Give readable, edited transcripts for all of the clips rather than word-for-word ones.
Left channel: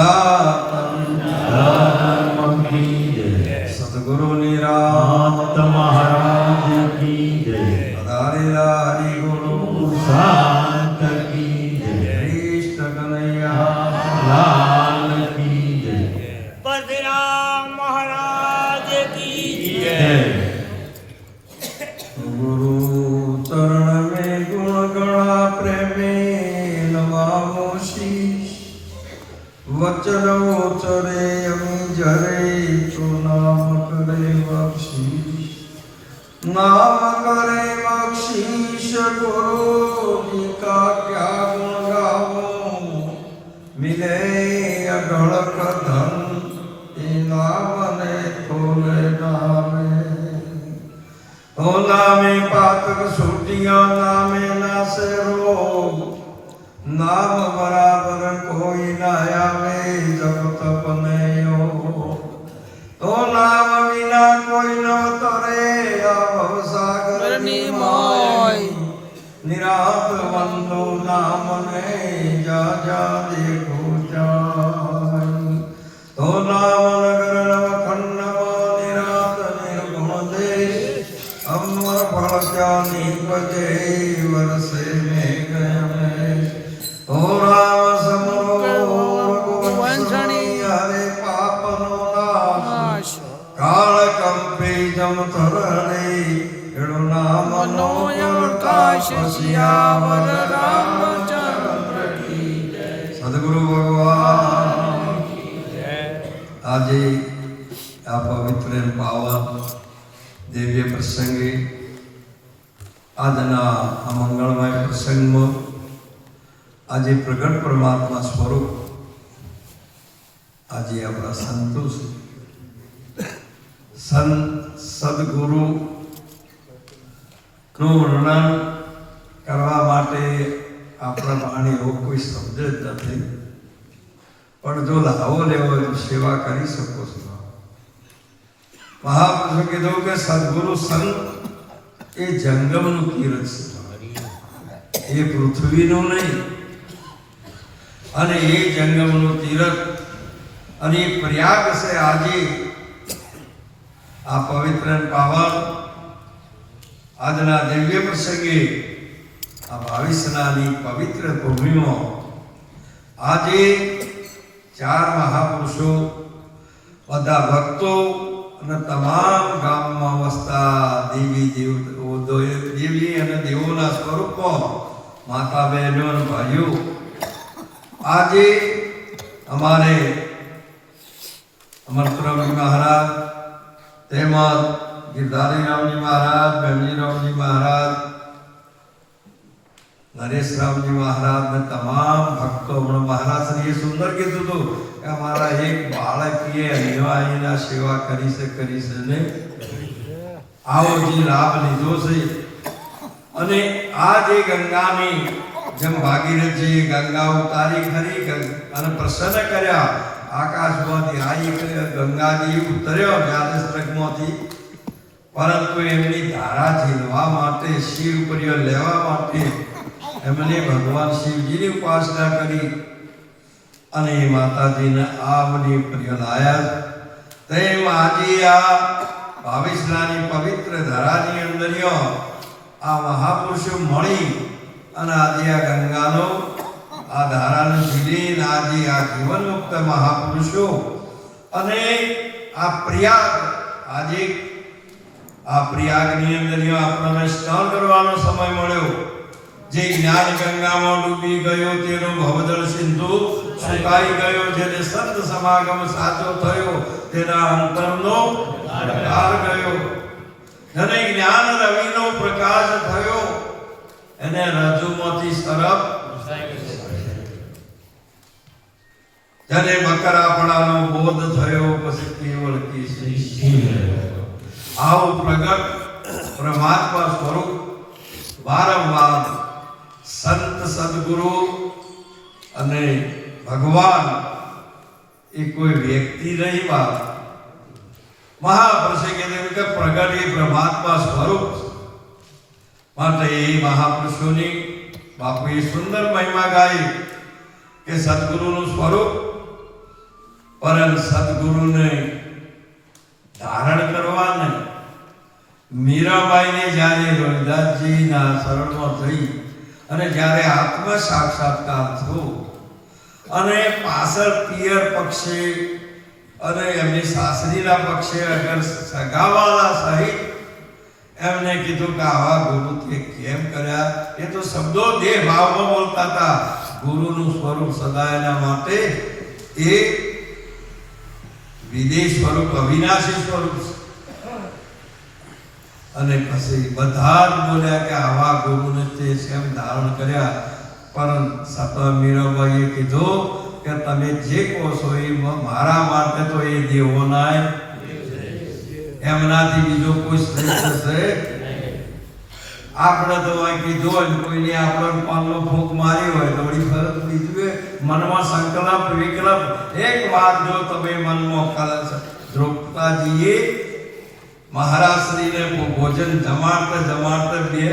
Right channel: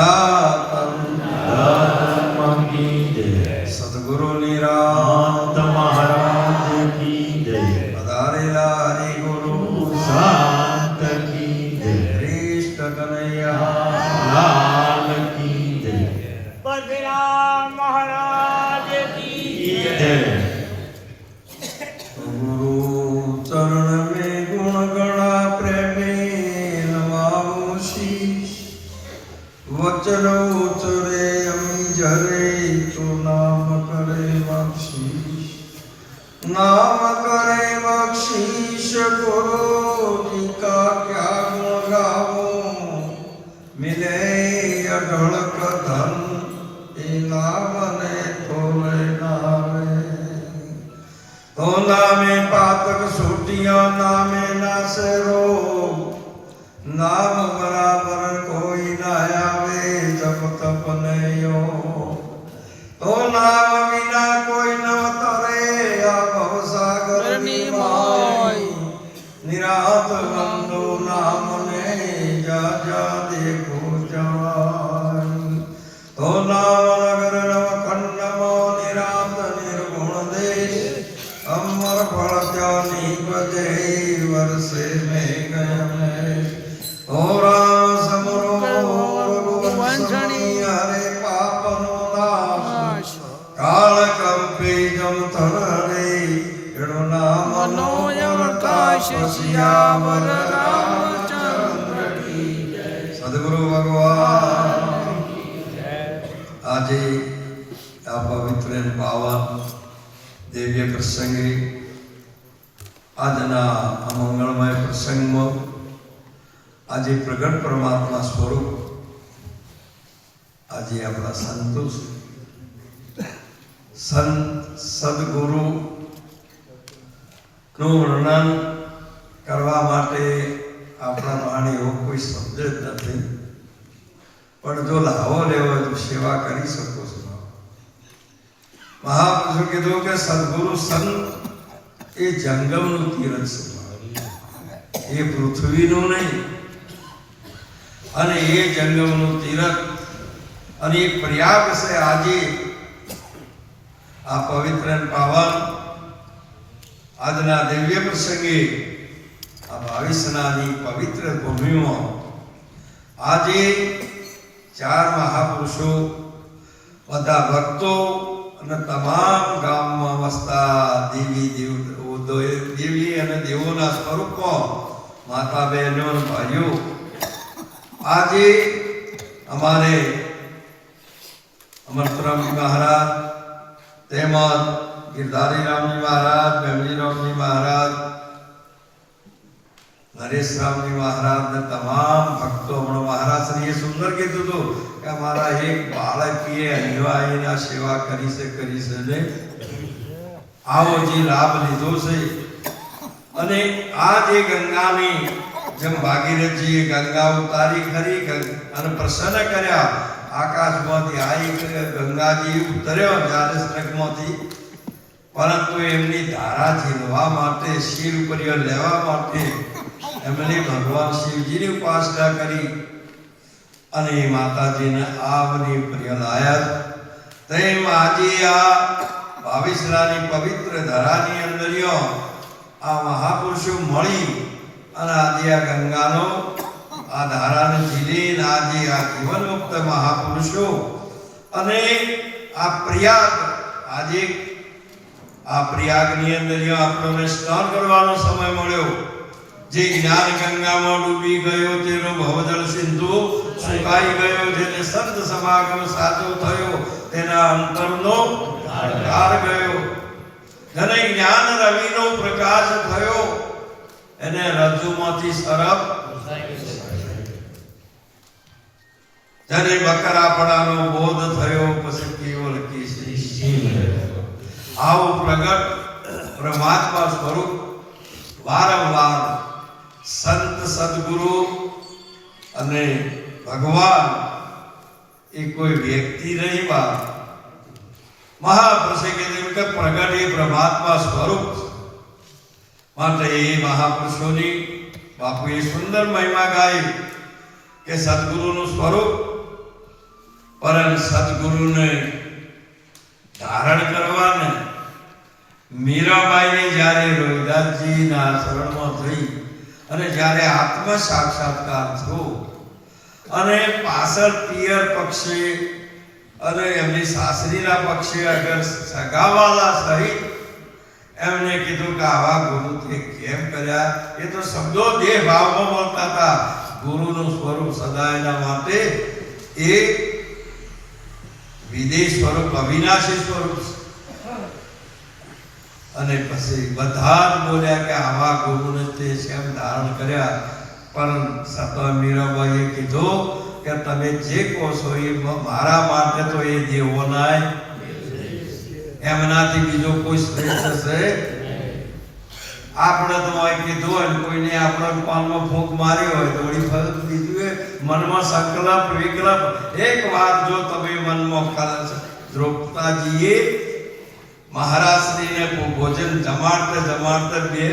સનાતન ધર્મ કી જય. સદગુરુ નિરાંત મહારાજ કી જય. પધારેલા હરિગુરુ શાંત કી જય. કૃષ્ણ કનૈયા લાલ કી જય. પરશુરામ મહારાજ કી જય. ગુરુ ચરણ में गुण गणा प्रेमे नमामो शीश. वचन उचरे अमी जरे तो नाम करे बख्शीश. नाम करे बख्शीश गुरु जी का क्या गुण गावो. मिले अढळक धन ए नामने तोले नामे. ओ नामे पातक सूटिया नामे नासे रोग. नाम बराबर कोई ना आवे जब तप ने योग. ओ नाम बिना कोई न तरे भव सागर ની મોય. निरात बंदो नाम ने जा जा देखो जाय. ओ नाम नगर नवखंड निरात निर्गुण देश. अमर फल जानी बजे वर्षे में गणेश. ओ राम समरो वंशणी हरे पापनो नाश. काल कंपे जम थरे एड़ो नाम મનોયણ કાશ શિયાવર રામચંદ્ર કી જય. સદગુરુ ભગવાન આજે આ પવિત્ર અને પાવન દિવ્ય પ્રસંગે આજના આ મંગળમય પ્રસંગમાં આજે પ્રગટ પરમાત્મા સ્વરૂપ આજે આપણા સંતો સંત સદગુરુ નું વર્ણન કરવા માટે આપણા વાણી એવો કોઈ શબ્દ જ નથી. પણ જો લાવો લેવો હોય તો સેવા કરી શકો છો. મહાપુરુષો કીધું કે સદગુરુ સંત એ જંગમનું તીરથ છે, એ પૃથ્વીનું નહીં. અને એ જંગમનું તીરથ અને એ પ્રયાગ છે. આજે આ પવિત્ર અને પાવન આજના દિવ્ય પ્રસંગે આ 22 પવિત્ર ભૂમિમાં આજે 4 મહાપુરુષો બધા ભક્તો અને તમામ ગામમાં વસતા દેવી અને દેવોના સ્વરૂપમાં માતા બહેનો અને ભાઈઓ આજે અમારે અમરતુરામજી મહારાજ તેમજ ગિરધારી રામજી મહારાજ, બેમજી રામજી મહારાજ, નરેશ રામજી મહારાજ ને તમામ ભક્તો. હમણાં મહારાજ શ્રીએ સુંદર કીધું હતું કે અમારા એક બાળકીએ અનિવાર્યના સેવા કરી છે ને આવો જે લાભ લીધો છે. અને આ જે ગંગાની જેમ ભાગીરથજીએ ગંગા ઉતારી ખરી અને પ્રસન્ન કર્યા. આકાશમાંથી આ એક ગંગાજી ઉતર્યો દ્વાદશમાંથી, પરંતુ એમની ધારા ઝીલવા માટે, શિવ પ્રિય લેવા માટે એમણે ભગવાન શિવજીની ઉપાસના કરી અને માતાજીને આવની પ્રિય લાયા. તેમ આજે આ 22 પવિત્ર ધરાની અંદર આ મહાપુરુષો મળી અને આજે આ ગંગાનો આ ધારાને ઝીલીને આજે આ જીવન મુક્ત મહાપુરુષો અને આ પ્રયાગ, આજે આ પ્રયાગની અંદર આપણને સ્નાન કરવાનો સમય મળ્યો. જે જ્ઞાન ગંગામાં ડૂબી ગયો તેનો ભવજળ સિંધુ સુકાઈ ગયો. જેને સંત સમાગમ સાચો થયો તેના અંતરનો અંધકાર ગયો. જેને જ્ઞાન રવિનો પ્રકાશ થયો એને રજ્જુમાંથી સરપ. જેને બકરાપણાનો બોધ થયો પછી કેવળ કેસરી. આવું પ્રગટ પરમાત્મા સ્વરૂપ વારંવાર સંત સદગુરુ અને ભગવાન એ કોઈ વ્યક્તિ નહીં. મહાપુરુષે કીધું કે પ્રગટ એ પરમાત્મા સ્વરૂપ. માટે એ મહાપુરુષોની બાપુએ સુંદર મહિમા ગાઈ કે સદગુરુનું સ્વરૂપ પરમ સદગુરુને ધારણ કરવાને મીરાબાઈને જ્યારે રવિદાસજીના શરણમાં થઈ અને જ્યારે આત્મ સાક્ષાત્કાર થયો અને પાછળ પિયર પક્ષે અને એમની સાસરીના પક્ષે અગર સગાવાલા સહિત એમને કીધું કે આવા ગુરુ તે કેમ કર્યા, એ તો શબ્દો દેહ ભાવમાં બોલતા હતા. ગુરુનું સ્વરૂપ સદાયના માટે એ વિદેશ સ્વરૂપ, અવિનાશી સ્વરૂપ. અને પછી બધા જ બોલ્યા કે આવા ગુરુને તે કેમ ધારણ કર્યા. પણ સતવા મીરાબાઈએ કીધું કે તમે જે કહો છો એ મારા માટે તો એ દેવોનાય, એમનાથી બીજો કોઈ શ્રેષ્ઠ છે. આપણે તો કીધું હોય કોઈને આપણે પાનમાં ફૂંક મારી હોય તો વળી ફરક બીજું એ મનમાં સંકલ્પ વિકલ્પ એક વાત જો તમે મનમાં દ્રૌપદાજીએ મહારાજશ્રીને ભોજન જમાડતે બે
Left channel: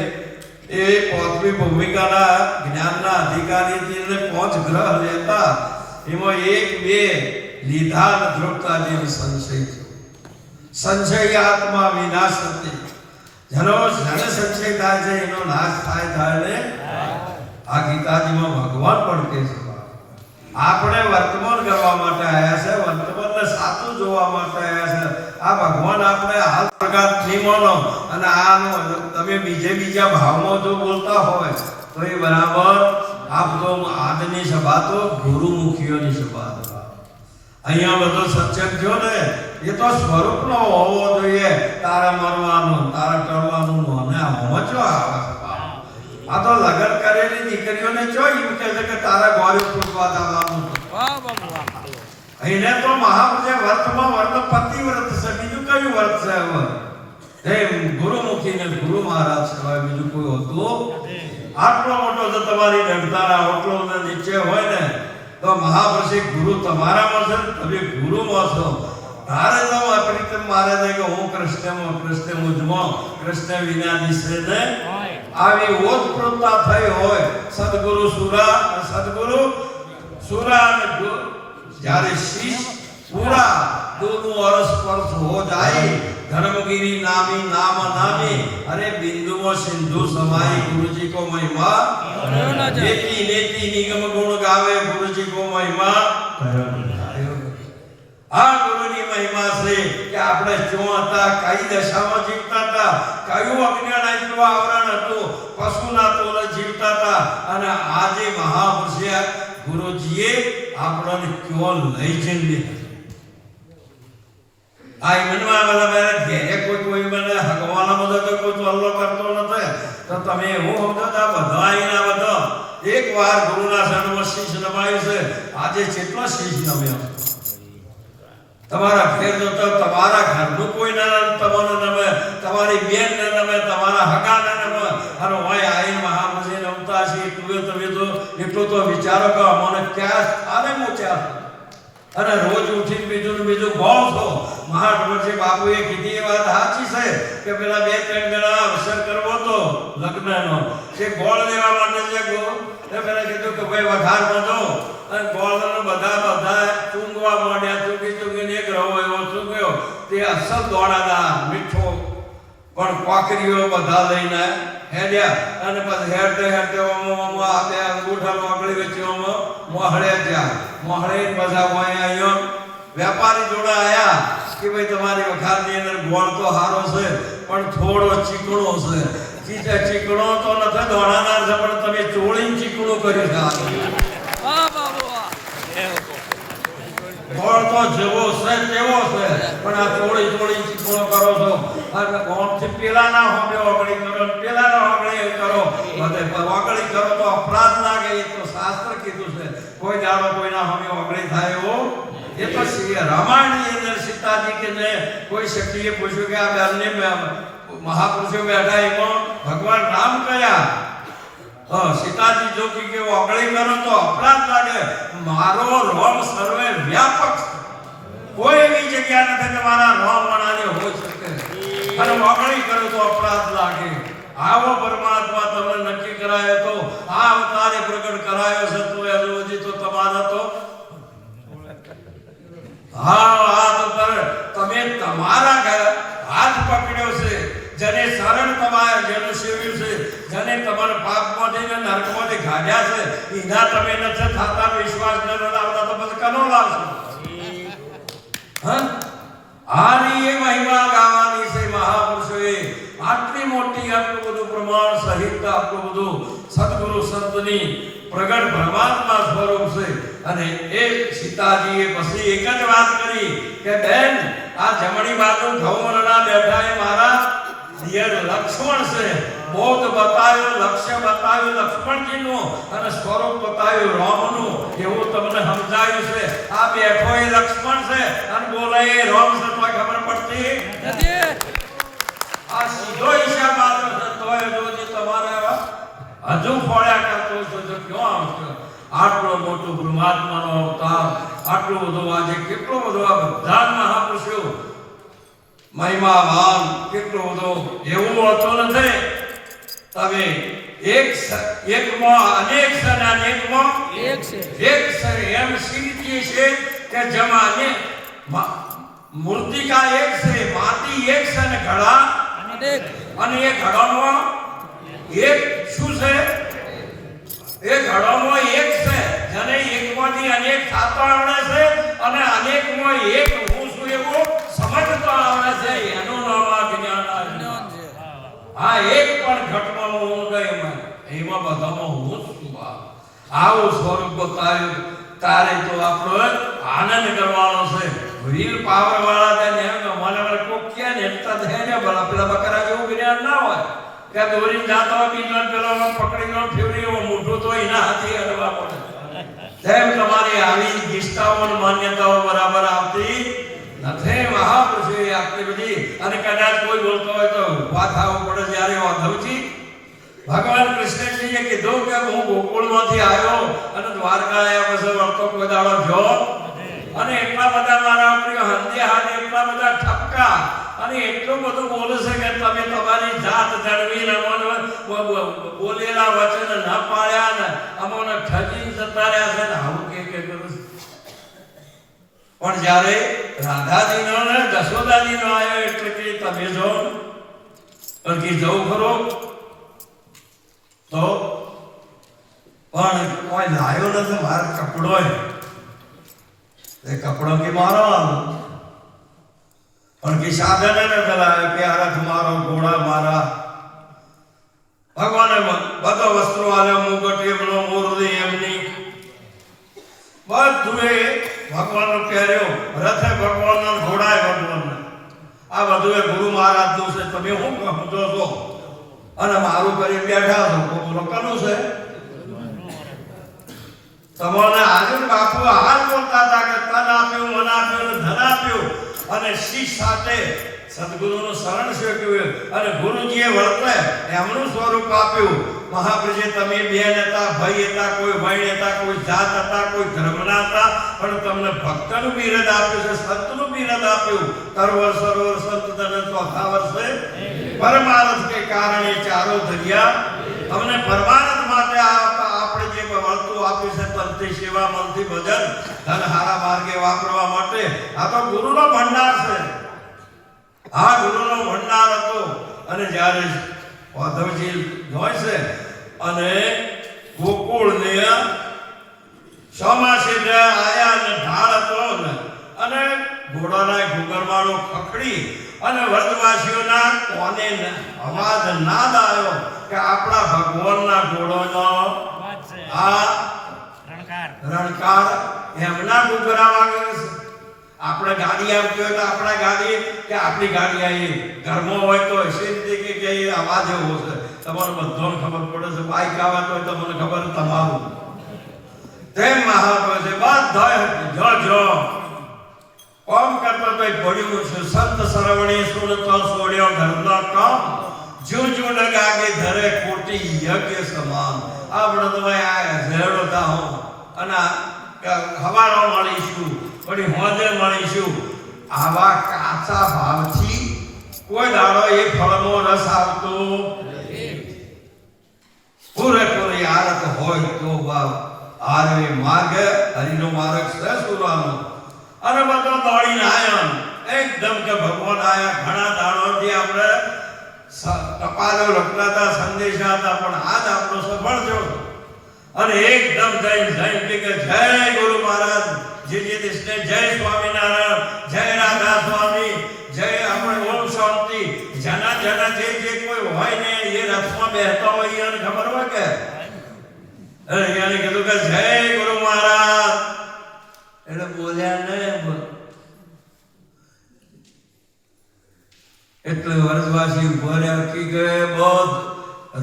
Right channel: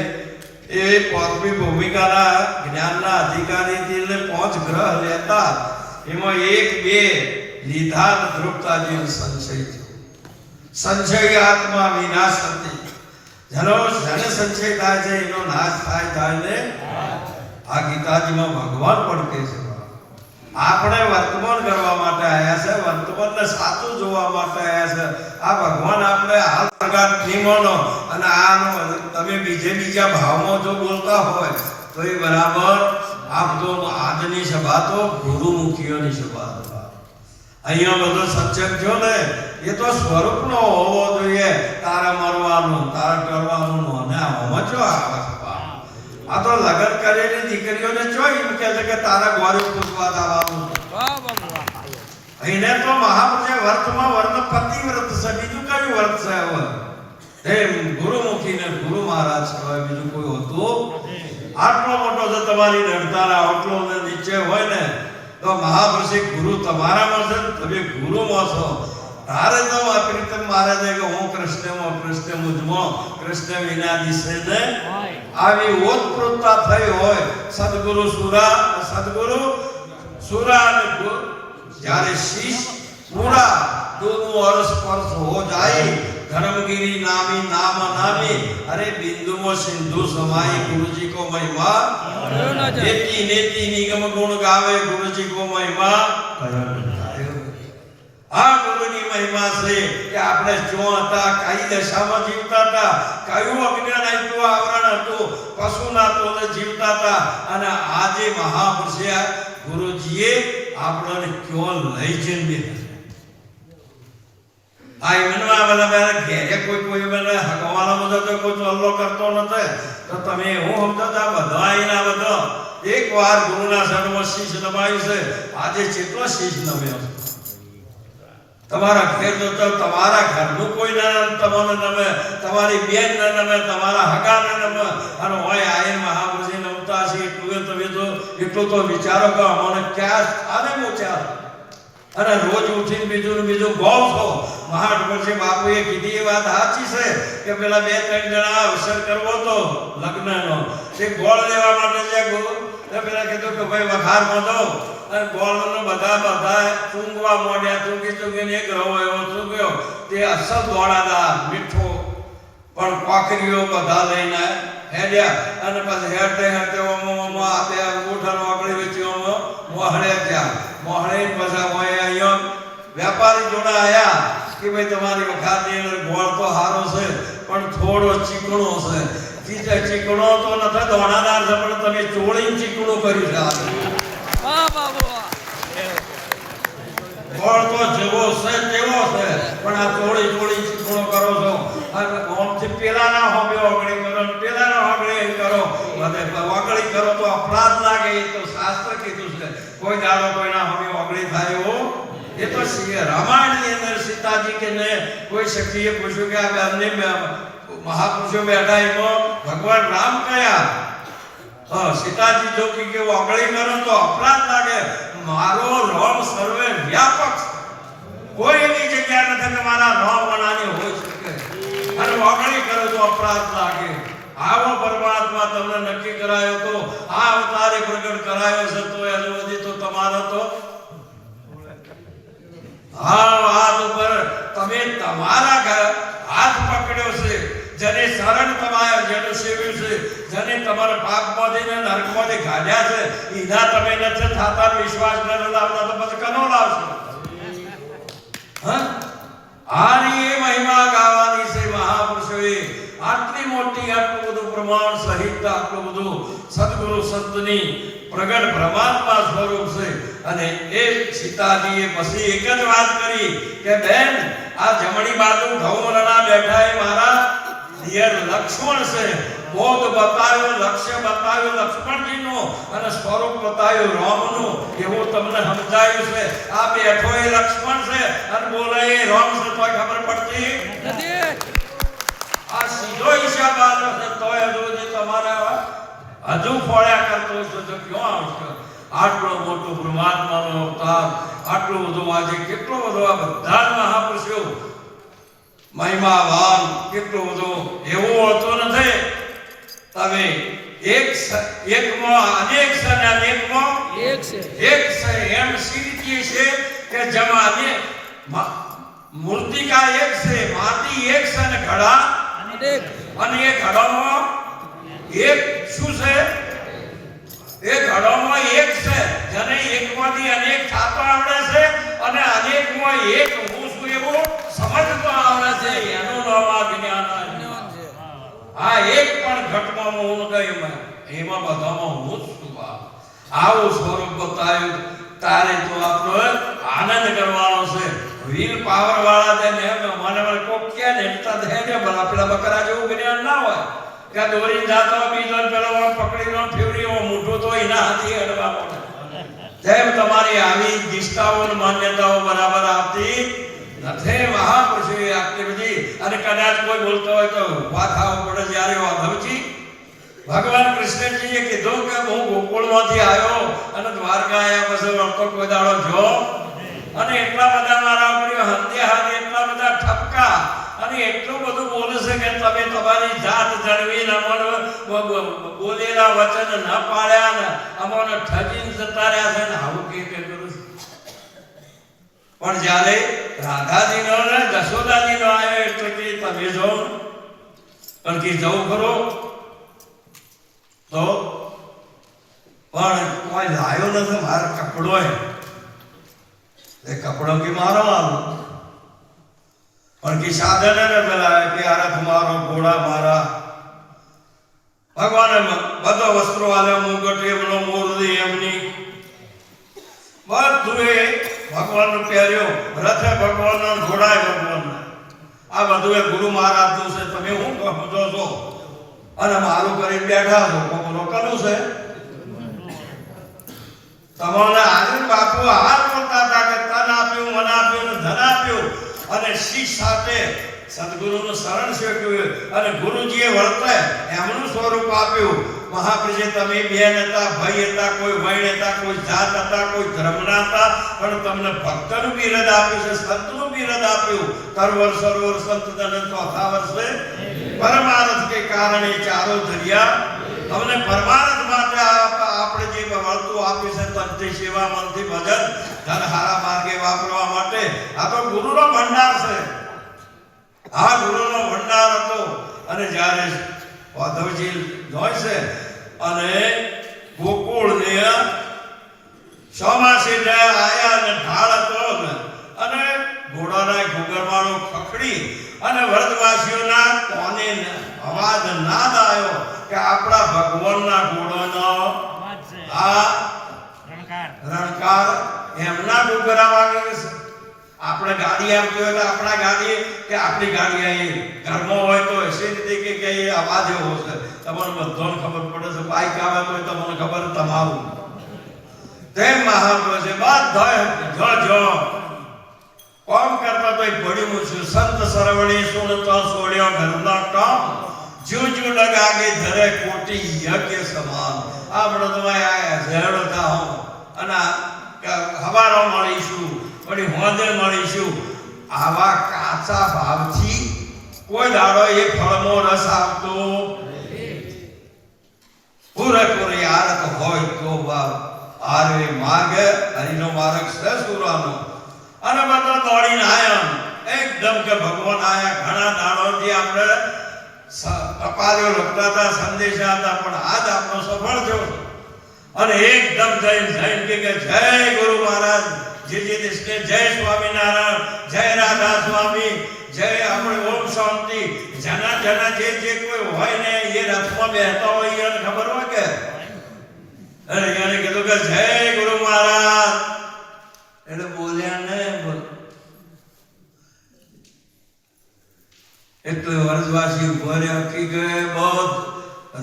એ પાંચમી ભૂમિકાના જ્ઞાનના અધિકારીથી એટલે 5 ગ્રહ લેતા એમાં 1-2 લીધા દ્રૌપદાજીનો સંશય છે. સંશય આત્મા વિનાશ હતી. જેનો સંશય થાય છે એનો નાશ થાય ને આ ગીતાજીમાં ભગવાન પણ કહે છે આપણે વર્તમાન કરવા માટે આવ્યા છે, વર્તમાનને સાચું જોવા માટે આવ્યા છે. આ ભગવાન આપણે હાલ પ્રકાર નિયમોનો અને આનો તમે બીજા ભાવમાં જો બોલતા હોય તો એ બરાબર. આપ તો આજની સભા તો ગુરુમુખીઓની સભા. અહીંયા બધો સત્સંગ થયો ને એ તો સ્વરૂપનો હોવો જોઈએ. તારે મરવાનું, તારે કરવાનું અને આમાં જો આવે છે. આ તો લગન કરેલી દીકરીઓને જો એમ કહે છે કે તારે ગોરી પૂજવા જવાનું. એને તો મહાપુરુષે વર્તમાં વર્ત પતિવ્રત છે, બીજું કયું વર્ત છે? હવે એ ગુરુમુખી ને ગુરુ મહારાજ સિવાય બીજું કોઈ હોતું. આટલો મોટો જો તમારી નડતારા આટલો નીચે હોય ને તો મહાપુરુષે ગુરુ તમારામાં છે, તમે ગુરુમાં છો. તારે તો પ્રીતમ મહારાજે કે હું કૃષ્ણમાં, કૃષ્ણ મુજમાં, કૃષ્ણ વિના દિશે ને આવી ઓતપ્રોતતા થઈ હોય. સદગુરુ સુરા અને જ્યારે શીશ પૂરા दोनों अरस परस हो जाए धर्मगिरी नामी नाम नामी अरे बिंदु में सिंधु समाई गुरुजी को महिमा नेति नेति निगम गुण गावे गुरुजी को महिमा आ गुरुनी महिमा से कि आपने जो હતા કઈ દશામાં જીવતા હતા, કયું અજ્ઞાન આપ્યું આવરણ હતું, પશુના તોલે જીવતા હતા અને આજે મહાપુરુષે ગુરુજીએ આપણને ક્યો લઈ જઈને આઈ મનવા વાલા મેં ઘેરે કોઈ મને હગવાલા બધો તો કોઈ ચોલ્લો કરતો નથી તો તમે હું સમજતા બધા આઈના બધો એકવાર ગુરુના શરણમાં શીશ નમાયું છે. આજે કેટલો શીશ નમ્યો તમારા ઘેર તો તમારા ઘરનું કોઈ ના તમને નમે, તમારી બેન ને નમે, તમારા હગા ને નમે અને હોય આઈને મહાપુરુષે નમતા છે. તમે તો એટલો તો વિચારો કે અમને ક્યાં સ્થાને પહોંચ્યા અને રોજ ઉઠીને બીજું બોલ છો. મહાપુરુષે બાપુએ કીધી વાત સાચી છે કે પેલા 2-3 જણા અવસર કરવો તો લગ્નનો એક ગોળ લેવા માટે જગો તો પેલા કીધું કે ભાઈ વઘાર બાંધો અને ગોળનો બધા ચૂંગવા મોડ્યા. ચૂંગીને એક રવો એવો ચૂંગ્યો તે અસલ દોડાદાર મીઠો પણ કોકરીઓ બધા લઈને હેડ્યા અને પછી હેડતે ઓમો આપે ગોઠાનો આકડી વેચીઓમાં મોહળે ત્યાં મોહળે પાછા હોય આવ્યો વેપારી જોડા આયા કે ભાઈ તમારી વખારની અંદર ગોળ તો સારો છે પણ થોડો ચીકણો છે. ચીકણો તો નથી દોડાદાર છે પણ તમે ચોળીને ચીકણું કર્યું છે. ગોળ તો જેવો છે તેવો છે પણ આ ચોળી ચીકણો કરો છો અને ગોળથી પેલાના હોમે ઓગળી કરો, પેલાના ઓગળી કરો, બધે ઓગળી કરો તો અપરાધ લાગે. એ તો શાસ્ત્ર કીધું છે કોઈ દાડો કોઈના હોમે ઓગળી થાય એવો. એ તો રામાયણની અંદર સીતાજી કે ને કોઈ શક્તિએ પૂછ્યું કે આ બંને મહાપુરુષો બેઠા એમાં ભગવાન રામ કયા સીતાજી જો કે ઓગળી કરો તો અપરાધ લાગે. મારો રોમ સર્વે વ્યાપક કોઈ એવી જગ્યા નથી કે મારા રોમ વણાને હોઈ શકે અને ઓગળી કરો તો અપરાધ લાગે. આવો પરમાત્મા તમને નક્કી કરાયો તો આ અવતારે પ્રગટ કરાયો છે તો હજુ સુધી તો તમારા તો હા હાથ ઉપર તમે તમારા હાથ પકડ્યો છે, જેને શરણ તમારે જેનું સેવ્યું છે, જેને તમારા પાપમાંથી ને નરકમાંથી કાઢ્યા છે, એના તમે નથી થતા વિશ્વાસ ન લાવતા તો પછી કનો લાવશો? હા, આની એ મહિમા ગાવાની છે મહાપુરુષોએ. આટલી મોટી આટલું બધું પ્રમાણ સહિત આટલું બધું સદગુરુ સંતની પ્રગટ પરમાત્મા સ્વરૂપ છે. અને એ સીતાજીએ પછી એક જ વાત કરી કે બેન, આ જમણી બાજુ ઘઉંના બેઠા એ મારા દિયર લક્ષ્મણ છે. બોધ બતાવ્યો, લક્ષ્ય બતાવ્યું લક્ષ્મણજીનું અને સ્વરૂપ બતાવ્યું રામનું. એવું તમને સમજાયું છે. આ બેઠો એ લક્ષ્મણ છે અને બોલે એ રામ છે, તો ખબર પડતી નથી. આ સીધો હિસાબ આવ્યો છે. તોય જો તમારા હજુ ફળ્યા કરતો છો તો ક્યાં આવશે? આટલો મોટો પરમાત્માનો અવતાર, આટલું બધું આજે કેટલો બધો આ બધા મહાપુરુષો મહિમાવાન, કેટલો બધો એવું હોતું નથી. તમે એકમાં અનેક છે ને અનેકમાં એક છે. એક છે એમ સીધી છે કે જમાને મૂર્તિકા એક છે, માટી એક છે ને ઘડા અનેક. અને એ ઘડામાં એક શું છે? એ ઘડામાં એક છે, જેને એકમાંથી અનેક થતો આવડે છે અને અનેકમાં એક હું છું એવું સમજતો આવડે છે. એનું નામ આ જ્ઞાન છે. આ એક પણ ઘટનામાં હું ગઈ એમાં બધામાં હું જ છું. આવું સ્વરૂપ બતાવ્યું તારે તો આપણો આનંદ કરવાનો છે. વ્હીલ પાવર વાળા મને કોક કે નેતા ધેને પેલા બકરા જેવું જ્ઞાન ના હોય કે દોરી જાતો બીજો પેલો પકડીનો ફેવરીઓ મોઢું તો એના હાથી અડવા પડે. તેમ તમારી આવી નિષ્ઠાઓ માન્યતાઓ બરાબર આવતી નથી. મહાપુરુષોએ આપી બધી. અને કદાચ કોઈ બોલતો હોય તો વાત આવવું પડે. જ્યારે વાધવજી ભગવાન કૃષ્ણજીએ કીધું કે હું ગોકુળમાંથી આવ્યો અને દ્વારકા આવ્યા પછી વળતો કોઈ દાડો જો અને એટલા બધા મારા પ્રિય હંધ્યા હાથે એટલા બધા ઠપકા અને એટલું બધું બોલે છે કે તમે તમારી જાત જળવીને બોલેલા વચન ન પાડ્યા ને અમને ઠગીને જતા રહ્યા છે ને આવું કે કરું. પણ જ્યારે રાધાજીનો ને જશોદાજીનો આવ્યો એટલે કે તમે જો અરકી જવું ખરો તો પણ કોઈ લાયો નથી. મારો કપડો એ કપડો કે મારો પણ કે સાધન ને પેલા કે રથ મારો, ઘોડા મારા. ભગવાને બધો વસ્ત્રો આલે, મુગટ એમનો, મોરદી એમની, બધું એ ભગવાનનું પહેર્યો. રથે ભગવાનનો, ઘોડાએ ભગવાનનો. આ બધું એ ગુરુ મહારાજનું છે. તમે શું સમજો છો? અને મારું કરી બેઠા છો. બોલો કનું છે? તમારે આજે બાપુ હાથ બોલતા હતા કે તન આપ્યું, મન આપ્યું, ધન આપ્યું અને શીશ સાથે સદગુરુનું શરણ શીખ્યું અને ગુરુજીએ વર્તે એમનું સ્વરૂપ આપ્યું. મહાપ્રભુજી તમે બેન હતા, ભાઈ હતા, કોઈ ભાઈ હતા, કોઈ જાત હતા, કોઈ ધર્મના હતા, પણ તમને ભક્તનું બિરદ આપ્યું છે, સંતનું બિરદ આપ્યું. તરવર સરોવર સંત તને ચોથા વર્ષે પરમાર્થ કે કારણે ચારો ધર્યા. તમને પરમાર્થ માટે આપણે જે વસ્તુ આપી છે તનથી સેવા, મનથી ભજન, ધન હારા માર્ગે વાપરવા માટે આ તો ગુરુનો ભંડાર છે. આ ગુરુનો ભંડાર હતો. અને જ્યારે વાધવજી હોય છે અને ગોકુળને ચોમાસે આયા અને ઢાળ હતો અને ઘોડાના ઘૂઘરવાળો ખખડી અને વ્રજવાસીઓના કોને અવાજ નાદ આવ્યો કે આપણા ભગવાનના ઘોડોનો આ રણકાર એમના ઘૂઘરા વાગે છે. આપણે ગાડી આવતી હોય તો આપણા ગાડી કે આપણી ગાડી આવી ઘરમાં હોય તો એસી રીતે કે એ અવાજ એવો છે. તમારે બધાને ખબર પડે છે. બાઈક આવે તો તમને ખબર તમારું તેમ મહાત્મા છે. બધા જો કોમ કરતા તો પડ્યું છે. સંત સરવણી સુનતો છોડ્યો ઘરનો કામ, જુજુ લગાગે ધરે કોટી યજ્ઞ સમાન. આપણે તો ઝેડો થાઓ અને હવાનો મળીશું, વળી હોજે મળીશું. આવા કાચા ભાવથી કોઈ દાડો એ ફળનો રસ આવતો પૂરેપૂરી આરત હોય તો ભાવ આરવે માર્ગ હરિનો માર્ગ છે સુરાનો. અને બધો દોડીને આવ્યો એકદમ કે ભગવાન આયા. ઘણા દાડોથી આપણે ટપાલો લખતા હતા, સંદેશા હતા, પણ આજ આપણો સફળ થયો. અને એકદમ જઈને કે જય ગુરુ મહારાજ, જે દેશને જય સ્વામિનારાયણ, જય રાધા સ્વામી, જય આપણે ઓમ શાંતિ. જના જે કોઈ હોય ને એ રથમાં બેસતા હોય એને ખબર હોય કે એને કીધું કે જય ગુરુ મહારાજ એટલે બોલ્યા ને. એટલે વર્ષવાસી ભરે કી ગયે બધ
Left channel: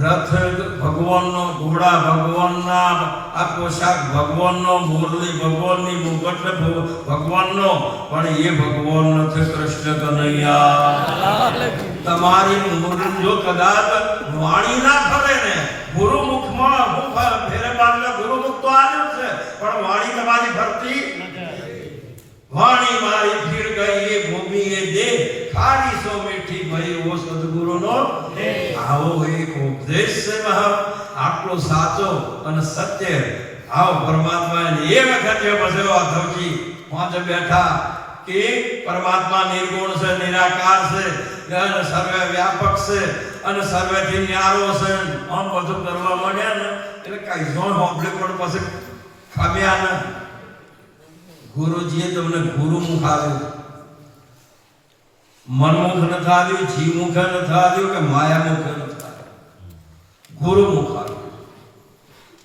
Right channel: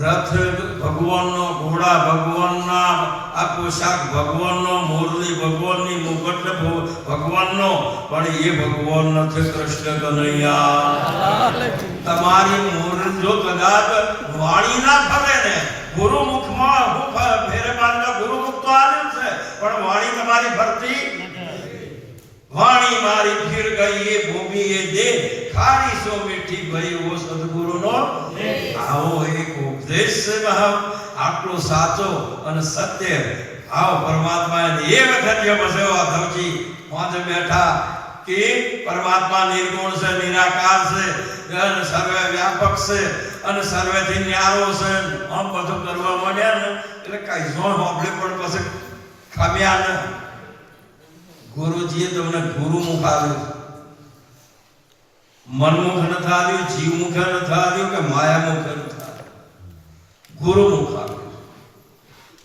રથ ભગવાનનો, ઘોડા ભગવાનના, આ પોશાક ભગવાનનો, મોરલી ભગવાનની, મુકટ ભગવાનનો, પણ એ ભગવાન નથી કૃષ્ણ કનૈયા. તમારી મોરલી જો કદાચ વાણી ના ફરે ને, ગુરુમુખમાં ફેરે માર્ગ ગુરુમુખ તો આવ્યું છે, પણ વાણી તમારી ફરતી. વાણી મારી ફીર ગઈ એ ભૂમિ એ દે, ખારી સો મીઠી ભરી વો સદગુરુનો. આવો એક ઉપદેશ છે મહા, આટલો સાચો અને સત્ય. આવો પરમાત્મા એ વખત જો બસે વાધવજી પાંચ બેઠા કે પરમાત્મા નિર્ગુણ છે, નિરાકાર છે, સર્વે વ્યાપક છે અને સર્વેથી ન્યારો છે. આમ બધું કરવા માંડ્યા ને એટલે કઈ જો હોબળે પણ પછી ખામ્યા ને. ગુરુજીએ તમને ગુરુમુખ આપ્યું, મનમુખ નથી આવ્યું, જીવમુખ નથી આવ્યું કે માયામુખ નથી આવ્યું, ગુરુમુખ આવ્યું.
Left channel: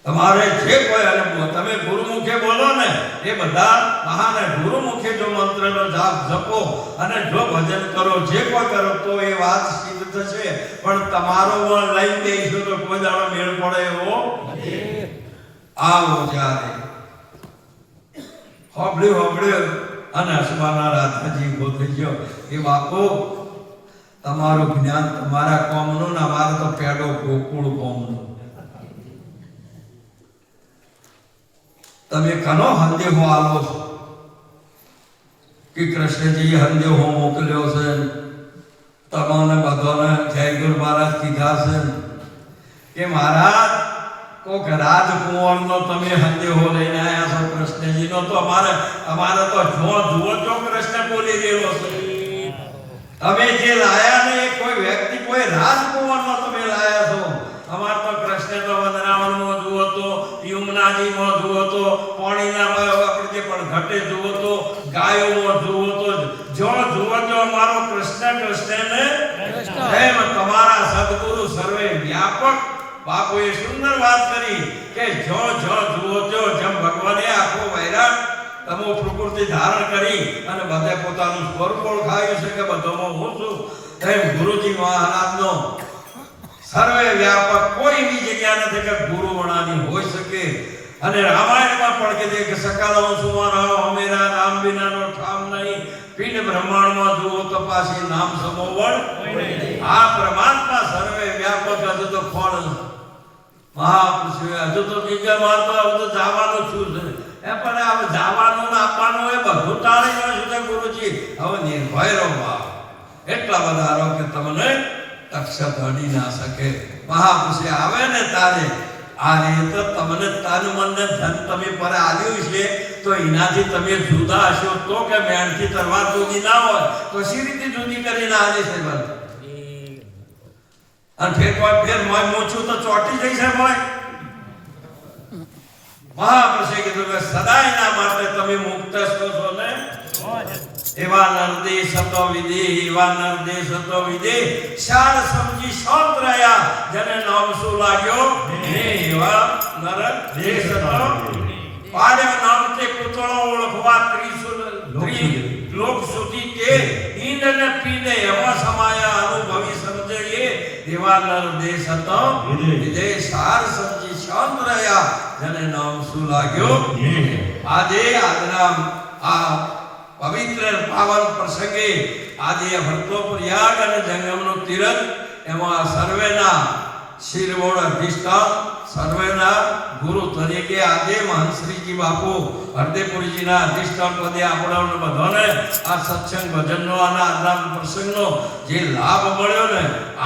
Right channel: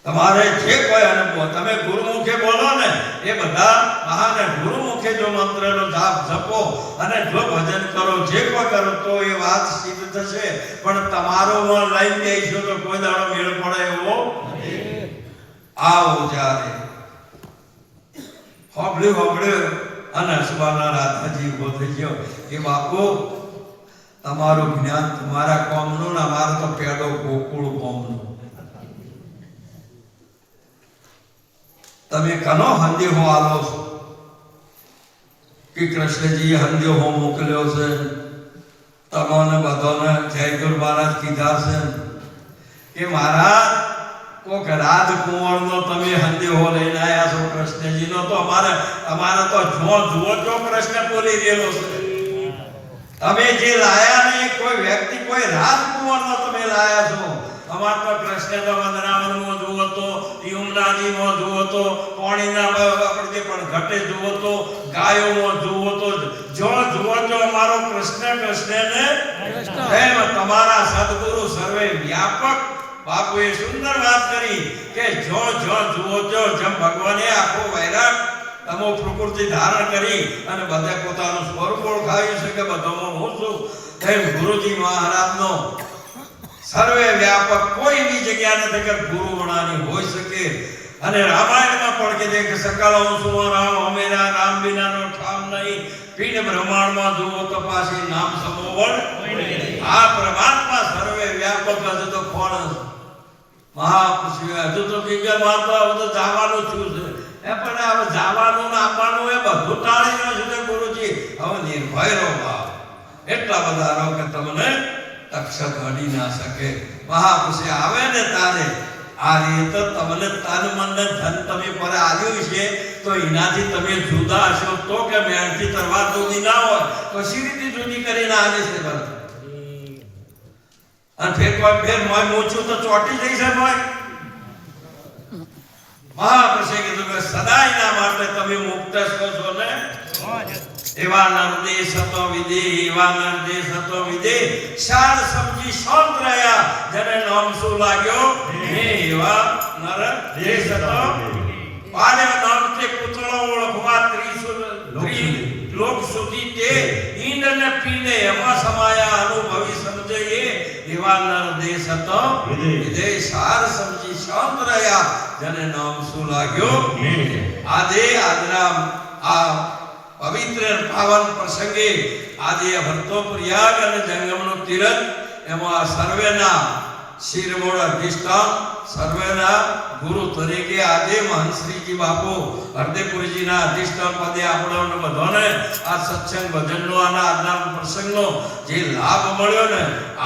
તમારે જે કોઈ અનુભવ તમે ગુરુમુખે બોલો ને એ બધા મહાને ગુરુમુખે જો મંત્રનો જાપ જપો અને જો ભજન કરો, જે કોઈ કરો તો એ વાત સિદ્ધ થશે. પણ તમારું મન લઈ જઈશું તો કોઈ દાડો મેળ પડે એવો આવો જ્યારે હોબળ્યું અને હસવાના રાધાજી ઉભો થઈ ગયો કે બાપુ તમારું જ્ઞાન તમારા કોમનું ને અમારે તો પેડો ગોકુળ કોમનું. તમે કનો હંદેહો આલો છો કે કૃષ્ણજી હંદેહો મોકલ્યો છે, તમને બધાને જય ગુરુ મહારાજ કીધા છે કે મહારાજ કોક રાજકુંવરનો તમે હંદેહો લઈને આવ્યા છો કૃષ્ણજીનો, તો અમારે તો જુઓ કૃષ્ણ બોલી રહેલો છે. તમે જે લાયા ને એ કોઈ વ્યક્તિ, કોઈ રાજકુંવરનો તમે લાયા છો. અમાર તો કૃષ્ણ તો વંદનાવનમાં જુઓ તો, યમુનાજીમાં જુઓ તો, પાણીના આપણે પણ ઘટે જુઓ તો, ગાયોમાં જુઓ તો, જો જુઓ તો અમારો કૃષ્ણ ને એમ તમારા સદગુરુ સર્વે વ્યાપક. બાપુએ સુંદર વાત કરી કે જો જુઓ તો જેમ ભગવાને આખો વૈરાગ તમો પ્રકૃતિ ધારણ કરી અને બધે પોતાનું સ્વરૂપ ઓળખાવ્યું છે કે બધોમાં હું છું, તેમ ગુરુજી મહારાજનો સર્વે વ્યાપક કોઈ એવી જગ્યા નથી કે ગુરુ વણાની હોઈ શકે. અને રામાયણમાં પણ કીધે કે સકલ સુવર્ણ હમેરા રામ વિનાનો ઠામ નહીં, પિંડ બ્રહ્માંડમાં જુઓ તપાસી નામ સમોવણ. આ પરમાત્મા સર્વે વ્યાપક હજુ તો કોણ મહાપુરુષ હજુ તો બીજા મારતો હવે તો જવાનું છું છે એ પણ હવે જવાનું ને આપવાનું એ બધું ટાળી ગયો છે ગુરુજી. હવે નિર્ભય રહો બાપ, એટલા બધા રહો કે તમને તક્ષક અડી ના શકે. મહાપુરુષ આવે ને તારે આ રીતે તમને તન મન ને ધન તમે પર આલ્યું છે તો એનાથી તમે જુદા હશો તો કે મેણથી તરવાર જુદી ના હોય તો સી રીતે જુદી કરીને આલે છે બસ. અને ફેર મોય મૂછું તો ચોટી જઈ છે ભાઈ. મહાપુરુષે કીધું કે સદાયના માટે તમે મુક્ત છો ને. એવા નરદેશ હતો વિદે, એવા નરદેશ હતો વિદે, શાર સમજી શાંત રહ્યા, જેને નામ શું લાગ્યો હે એવા નરદેશ હતો. પાડ્યા નામ તે કુતળો ઓળખવા લોક સુધી તે ઈંડ ને પીને એમાં સમાયા અનુભવી સમજે એવા નરદેશ હતો વિદે, શાર સમજી શાંત રહ્યા, જેને નામ શું લાગ્યો. આજે આજના આ પવિત્ર પાવન પ્રસંગે આજે ભક્તો પ્રયાગ અને જંગમનો તીરથ એમાં સર્વેના શિરમોડ અધિષ્ઠાન, સર્વેના ગુરુ તરીકે આજે મહંશ્રીજી બાપુ હરદેપુરીજીના અધિષ્ઠાન પદે આપણને બધાને આ સત્સંગ ભજનનો અને આજના પ્રસંગનો જે લાભ મળ્યો ને,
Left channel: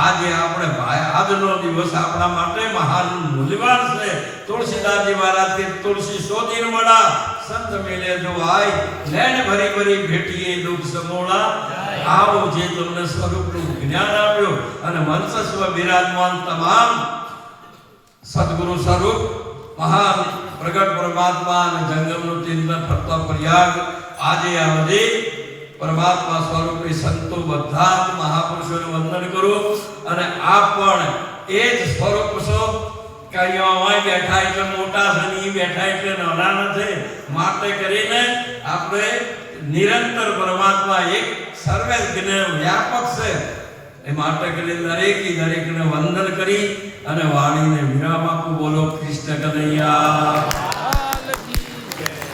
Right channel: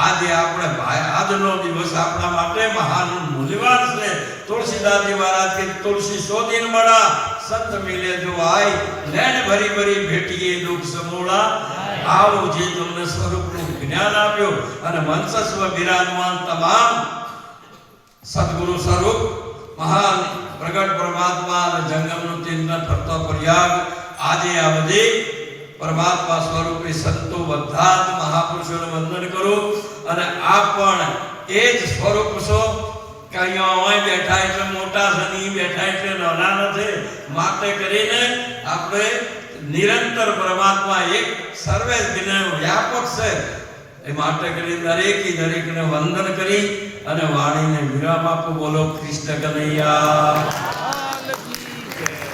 આજે આપણે આજનો દિવસ આપણા માટે મહાન મૂલ્યવાન છે. તુલસીદાસજી મહારાજ કે તુલસી 100 दिन बड़ा સંત મિલે જો આય લેણ ભરી ભરી ભેટીએ દુઃખ સમૂળા આવો જે તમને સ્વરૂપનું જ્ઞાન આપ્યો અને મંચસ્વ બિરાજમાન તમામ સદગુરુ સ્વરૂપ મહાન પ્રગટ પરમાત્મા અને જંગમનું ચિંતન કરતો પ્રયાગ આજે આ બધી પરમાત્મા સ્વરૂપે સંતો બધા જ મહાપુરુષોનું વંદન કરો અને આપ પણ એ જ સ્વરૂપ છો કઈ અહીં બેઠા એટલે મોટા છે નહીં બેઠા એટલે નાના નથી માટે કરીને આપણે નિરંતર પરમાત્મા એક સર્વે જ્ઞ વ્યાપક છે એ માટે કરીને દરેકને વંદન કરી અને વાણીને વિરામ આપો. બોલો કૃષ્ણ કનૈયા.